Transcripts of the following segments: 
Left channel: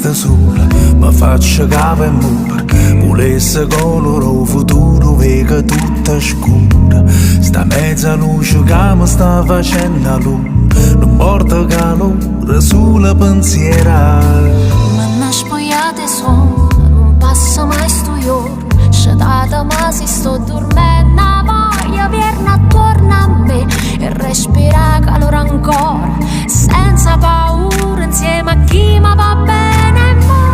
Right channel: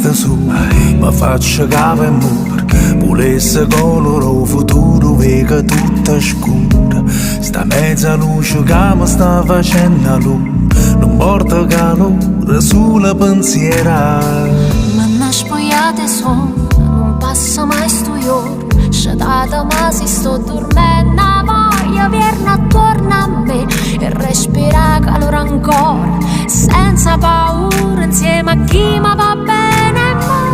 resta sola, ma faccio capo e mura. Volesse colore futuro, vega tutta scura. Sta mezza luce che mi sta facendo luna, non porta calore sulla pensiera. Ma una spogliata sono, non passa mai sto giorno. Sciatata ma si sto dormendo, voglia viene attorno a me e respira calore ancora, senza paura, insieme a chi mi va bene mo.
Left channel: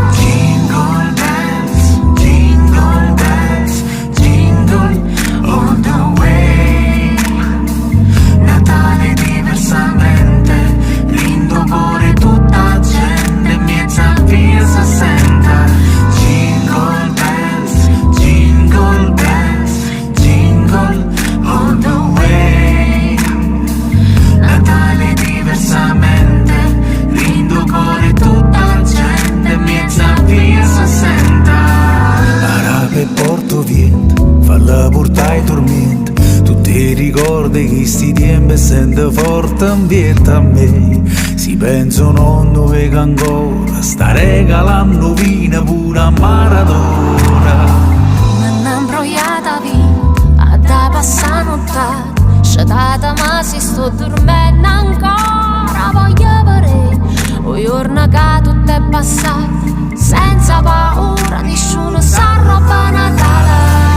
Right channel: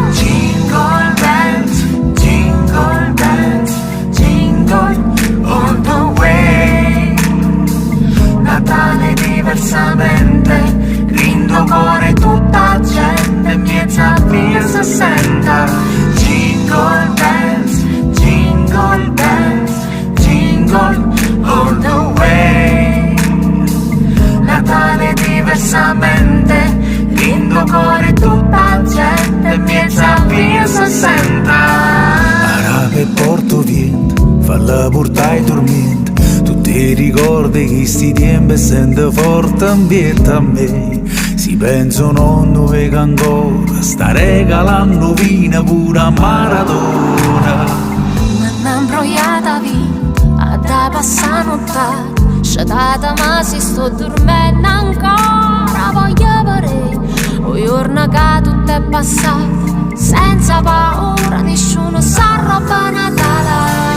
Jingle bells, jingle all the way. Natale diversamente, lindo cuore tutta gente, miezza via si senta. Jingle bells, jingle bells, jingle all the way. Natale diversamente, lindo cuore tutta gente, miezza via si senta. Arabe e porto vento, falla portare dormiente. Tutti i ricordi che sti tempi sento forte ambiente a me. Si pensano dove che ancora sta regalando vino pure a maratona. M'hanno imbrogliata vita, a da passare nottata, sciatata ma si sto dormendo ancora. Voglio vedere, o giorno che tutto è passato, senza paura, nessuno sa roba Natale.